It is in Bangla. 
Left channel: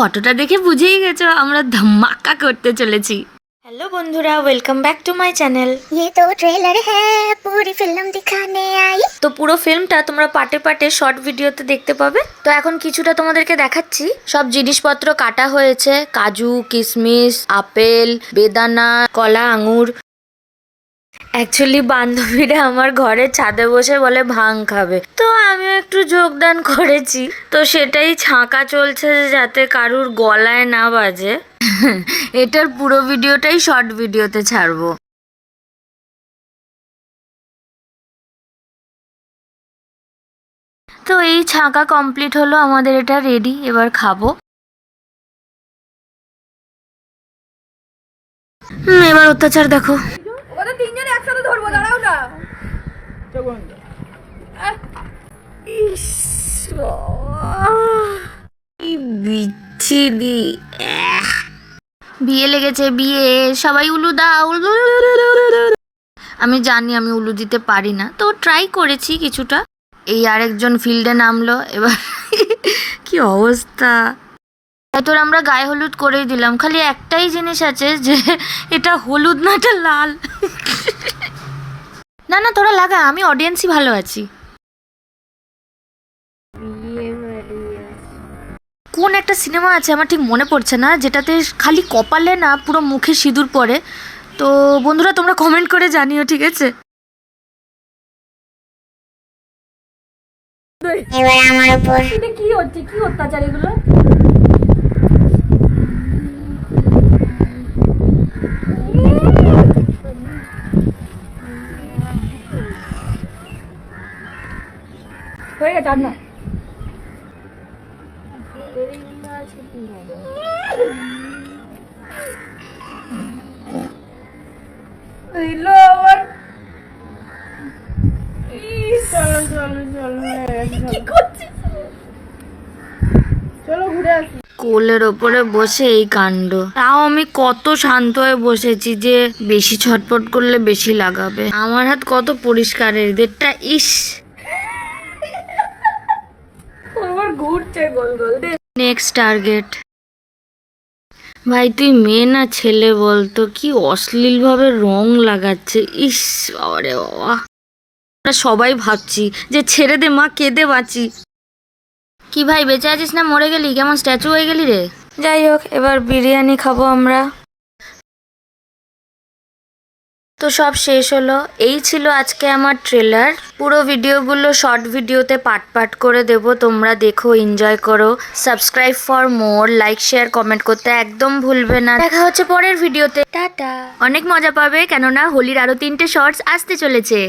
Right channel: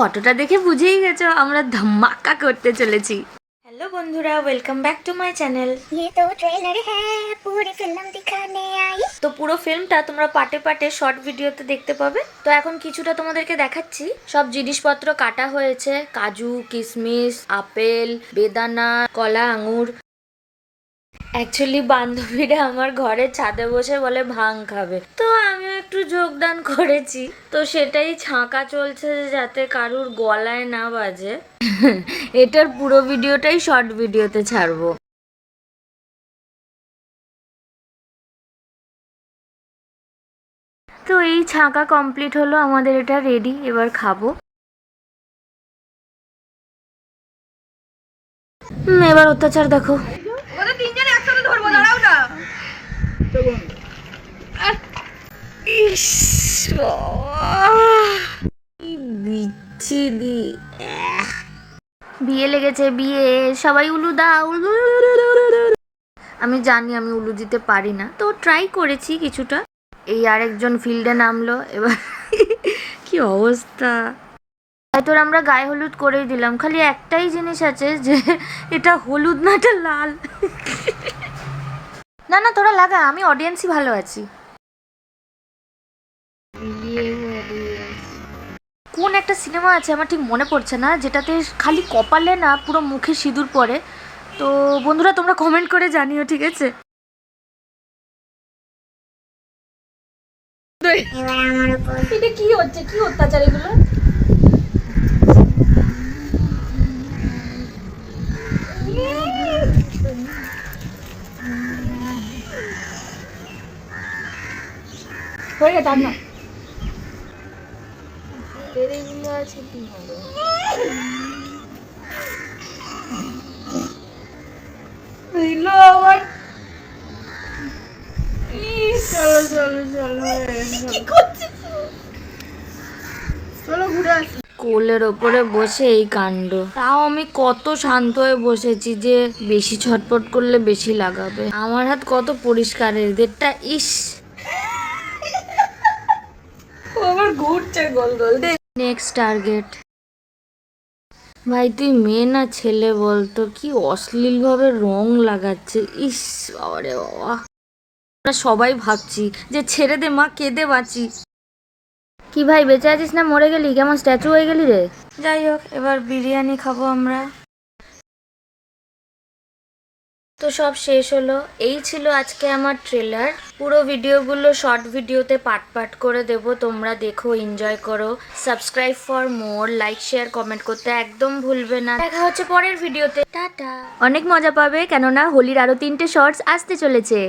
ফটোটা দেখে বুঝেই গেছো আমরা ধামাকা করতে চলেছি। हेलो बंधुरा, welcome back to my channel. ये तो ट्रेलर है, पूरी फिल्म दिखाने आई। তো পুরো ফিল্মটা তোমরা পার্টে পার্টে শর্ট ভিডিওতে দেখতে পাবে। তো এখন কিছুটা তোমাদেরকে দেখাচ্ছি। সব জিনিসপত্র কাটা হয়েছে, কাজু, কিশমিশ, আপেল, বেদানা, কলা, আঙুর। অ্যাকচুয়ালি বান্ধবীরা আমার ঘরের ছাদে বসে বলে ভাং খাবে, তো আমিও একটু যোগদান করেছি। তো সেটাই ছাঁকা চলছে যাতে কারুর গলায় না বাজে। এটার পুরো ভিডিওটাই শর্ট ভিডিওতে ছাড়বো। তো এই ছাঁকা কমপ্লিট হলো, আমাদের এটা রেডি, এবার খাবো। এবার অত্যাচার দেখো। ওদের তিনজনে একসাথে ধরবো, দাঁড়াও না। ইস, কি বিচ্ছিরি। বিয়ে লেগেছে, বিয়ে। সবাই উলু দাও। আমি জানি আমি উলু দিতে পারি না, তো ট্রাই করেছি কিছুটা। এই আরেকজন ফিল্ডে নামলো, এবার কি অবস্থা। তোর আমরা গায়ে হলুদ করেই দিলাম, খালি একটাই জিনিস আছে যে এটা হলুদ না, এটা লাল। না না, তোরা লাগা, আমি অডিয়েন্সই ভালো আছি। কোন একটা সিনেমা আছে আমার ঠিক মনে পড়ছে না, যেটাতে খালি কপালে না পুরো মুখে সিঁদুর পরে। তো বন্ধুরা তোমরা কমেন্ট করে জানিও, ঠিক আছে? এবার আমার উপর এটা কি হচ্ছে, কি অত্যাচার এগুলো? হয়ে গেছে, আর না। দিলো আবার। চলো চলো চলো, কি করছিস? চলো ঘুরে আসি। কোলের ওপরে বসে এই কাণ্ড। তাও আমি কত শান্ত হয়ে বসেছি যে বেশি ছটপট করলে বেশি লাগাবে। আমার হাত কত পরিষ্কার, এদেরটা ইস। আবার ঘুরছে গোল গোল। Next target. ভাই তুই মেয়ে না ছেলে বলতো, কি অশ্লীল ভাবে রং লাগাচ্ছে। ইস বাবারে বাবা, আমরা সবাই ভাবছি যে ছেড়ে দে মা, কেঁদে বাঁচি। কি ভাই বেঁচে আছিস না মরে গেলি? কেমন স্ট্যাচু হয়ে গেলি রে। যাই হোক, এবার বিরিয়ানি খাবো আমরা। তো সব শেষ হলো, এই ছিল আজকে আমার ট্রেলার। পুরো ভিডিওগুলো শর্ট ভিডিওতে পার্ট পার্ট করে দেব, তোমরা দেখো, এনজয় করো। Subscribe for more, like share comment করতে একদম ভুলবে না। দেখা হচ্ছে পরের ভিডিওতে, টাটা। অনেক মজা পাবে, কেননা হোলির আরো 3টে শর্টস আসতে চলেছে।